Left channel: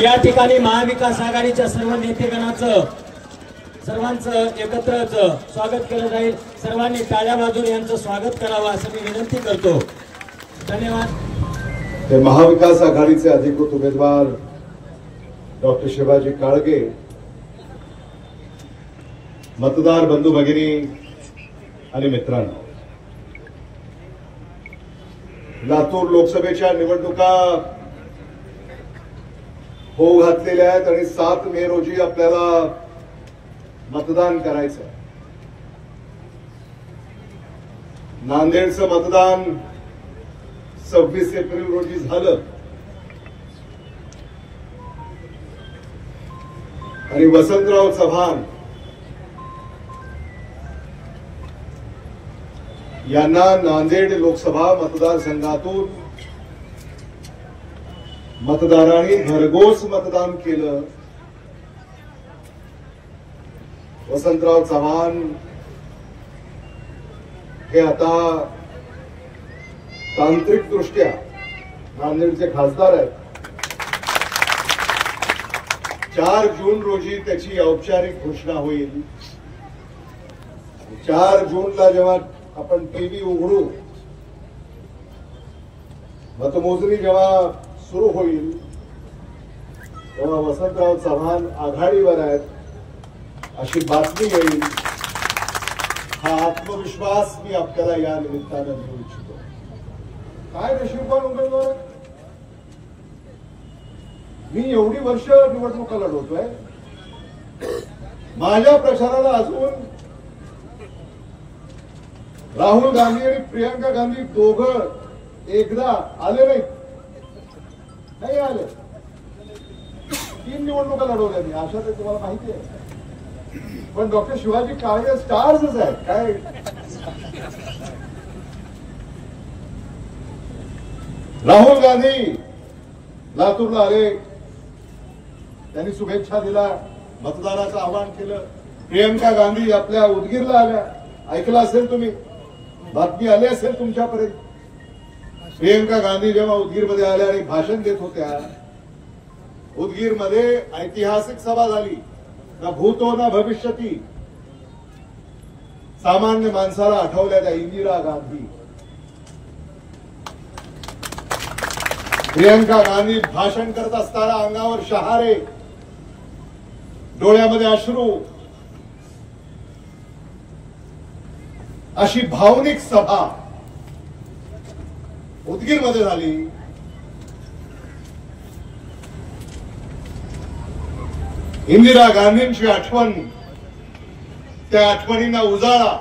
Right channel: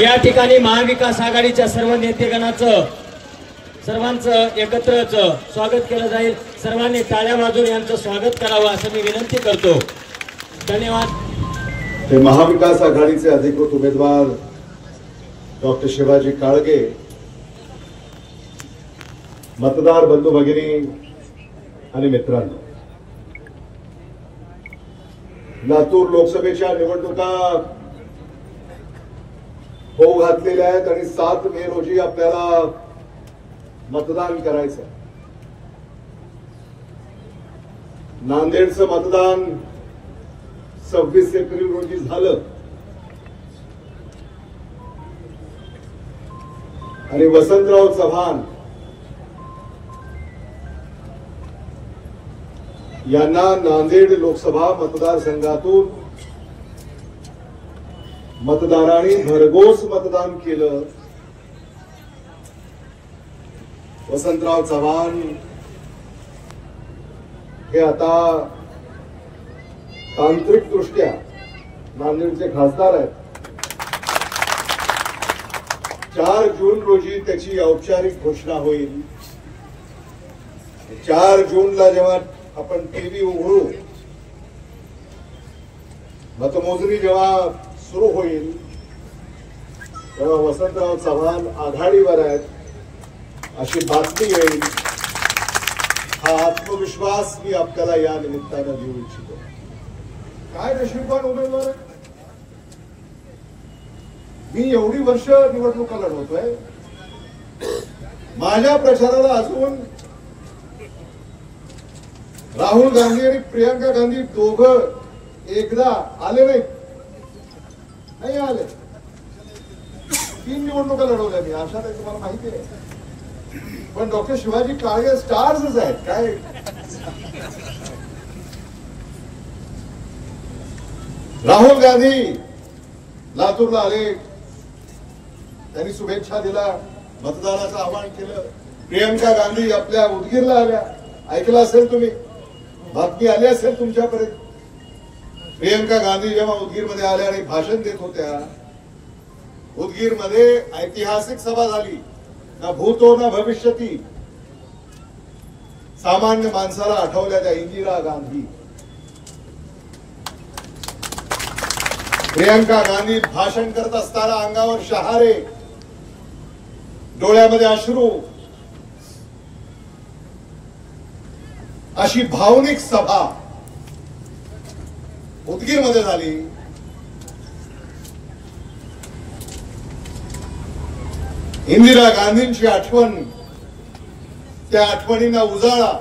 या ठिकाणी महाविकास आघाडीच्या सर्व नेतेगणाचं सर्वांचं एकत्रच स्वागत केलं जाईल। सर्वांनी टाळ्या वाजवून यांचं स्वागत करावं असं मी विनंती करतो। धन्यवाद। महाविकास आघाडीचे अधिकृत उमेदवार डॉक्टर शिवाजी काळगे, मतदार बंधू भगिनी आणि मित्रांनो, लातूर लोकसभेच्या निवडणुका होऊ घातलेल्या आहेत आणि 7 मे रोजी आपल्याला मतदान करायचं आहे। नांदेडचं मतदान 26 एप्रिल रोजी झालं आणि वसंतराव चव्हाण यांना नांदेड लोकसभा मतदारसंघातून मतदारांनी भरघोस मतदान केलं। वसंतराव चव्हाण हे आता तांत्रिक दृष्ट्या नांदेडचे खासदार आहेत। 4 जून रोजी त्याची औपचारिक घोषणा होईल। 4 जूनला जेव्हा आपण टीव्ही उघडू, मतमोजणी जेव्हा सुरू होईल तेव्हा वसंतराव चव्हाण आघाडीवर आहेत अशी बातमी येईल। हा आत्मविश्वास मी आपल्याला या निमित्तानं देऊ इच्छितो। काय नशीबवान उमेदवार, मी एवढी वर्ष निवडणुका लढवतोय, माझ्या प्रचाराला अजून राहुल गांधी आणि प्रियंका गांधी दोघं एकदा आले नाही आले। 3 निवडणुका लढवल्या मी, आशा ते तुम्हाला माहिती आहे। पण डॉक्टर शिवाजी काळगे स्टार्सच आहेत काय। राहुल गांधी लातूरला आले, त्यांनी शुभेच्छा दिल्या, मतदानाचं आवाहन केलं। प्रियंका गांधी आपल्या उदगीरला आल्या, ऐकलं असेल तुम्ही, बातमी आली असेल तुमच्यापर्यंत। प्रियंका गांधी जेव्हा उदगीरमध्ये आल्या आणि भाषण देत होत्या, उदगीरमध्ये ऐतिहासिक सभा झाली, ना भूतो ना भविष्यती। सामान्य माणसाला आठवल्या त्या इंदिरा गांधी। प्रियंका गांधी भाषण करत असताना अंगावर शहारे, डोळ्यामध्ये अश्रू, अशी भावनिक सभा उदगीरमध्ये झाली। इंदिरा गांधींची आठवण, त्या आठवणींना उजाळा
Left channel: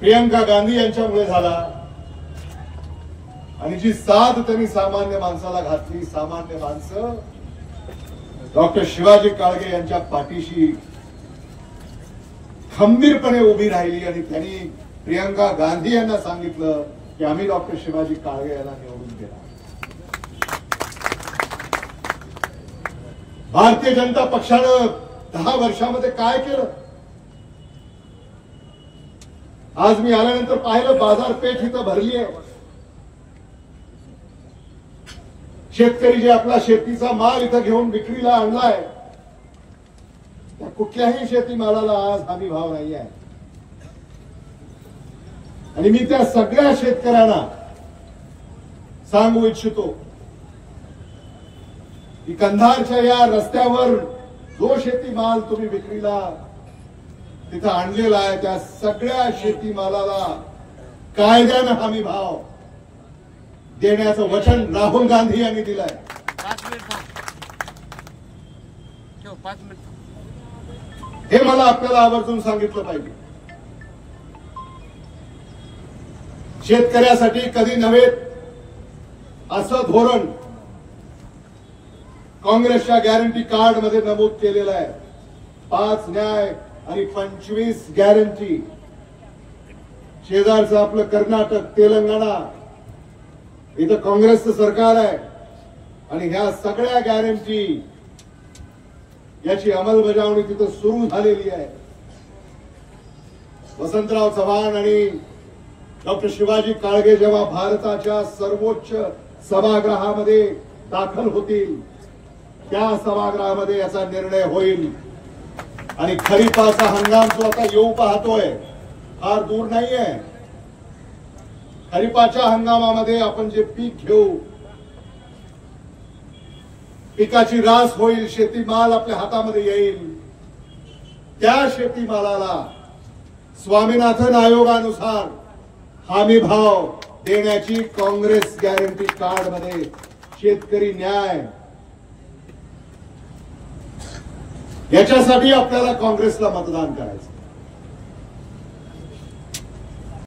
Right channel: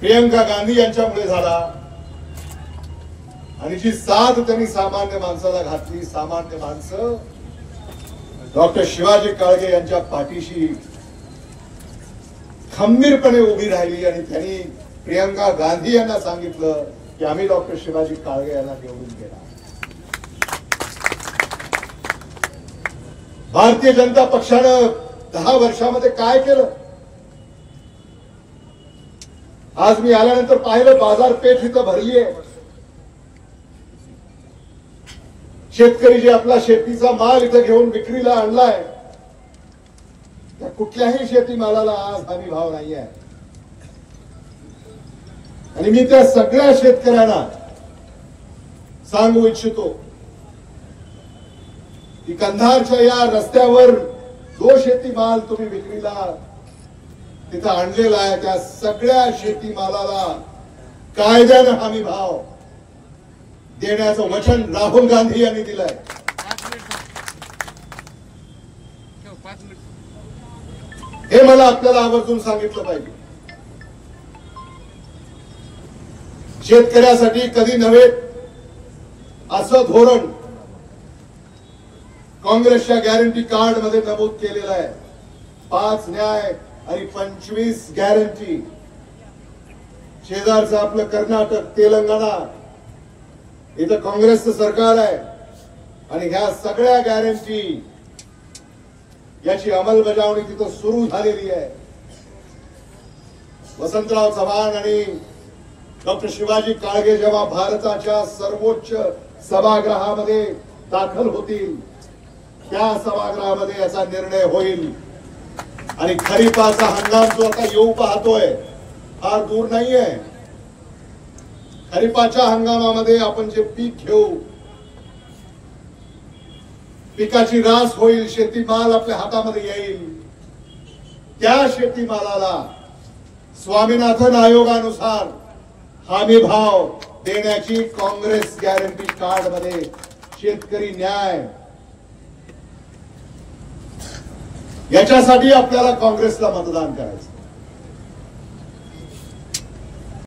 प्रियंका गांधी यांच्यामुळे झाला आणि जी साथ त्यांनी सामान्य माणसाला घातली, सामान्य माणसं डॉक्टर शिवाजी काळगे यांच्या पाठीशी खंबीरपणे उभी राहिली आणि त्यांनी प्रियंका गांधी यांना सांगितलं की आम्ही डॉक्टर शिवाजी काळगे यांना निवडून देणार। भारतीय जनता पक्षानं 10 वर्षामध्ये काय केलं, आज मी आल्यानंतर पाहिलं, बाजारपेठ इथं भरली आहे। शेतकरी जे आपला शेतीचा माल इथं घेऊन विक्रीला आणलाय, त्या कुठल्याही शेतीमालाला आज हमी भाव नाही आहे। आणि मी त्या सगळ्या शेतकऱ्यांना सांगू इच्छितो की कंधारच्या या रस्त्यावर जो शेतीमाल तुम्ही विक्रीला तिथं आणलेला आहे, त्या सगळ्या शेतीमालाला कायद्यानं हमी भाव देण्याचं वचन राहुल गांधी यांनी दिलंय। हे मला आपल्याला आवर्जून सांगितलं पाहिजे। शेतकऱ्यासाठी कधी नव्हे असं धोरण काँग्रेसच्या गॅरंटी कार्ड मध्ये नमूद केलेलं आहे। 5 न्याय आणि 25 गॅरंटी। शेजारचं आपलं कर्नाटक, तेलंगणा, इथं काँग्रेसचं सरकार आहे आणि ह्या सगळ्या गॅरंटी याची अंमलबजावणी तिथं सुरू झालेली आहे। वसंतराव चव्हाण आणि डॉक्टर शिवाजी काळगे जेव्हा भारताच्या सर्वोच्च सभागृहामध्ये दाखल होतील त्या सभागृहामध्ये याचा निर्णय होईल. आणि खरीपाचा हंगाम जो आता येऊ पाहतोय फार दूर नाहीये. खरीपाच्या हंगामामध्ये आपण जे पीक घेऊ, पिकाची रास होईल, शेतीमाल आपल्या हातामध्ये येईल. त्या शेतीमालाला स्वामीनाथन आयोगानुसार हमी भाव देण्याची काँग्रेस गॅरंटी कार्ड मध्ये शेतकरी न्याय, याच्यासाठी आपल्याला काँग्रेसला मतदान करायचं.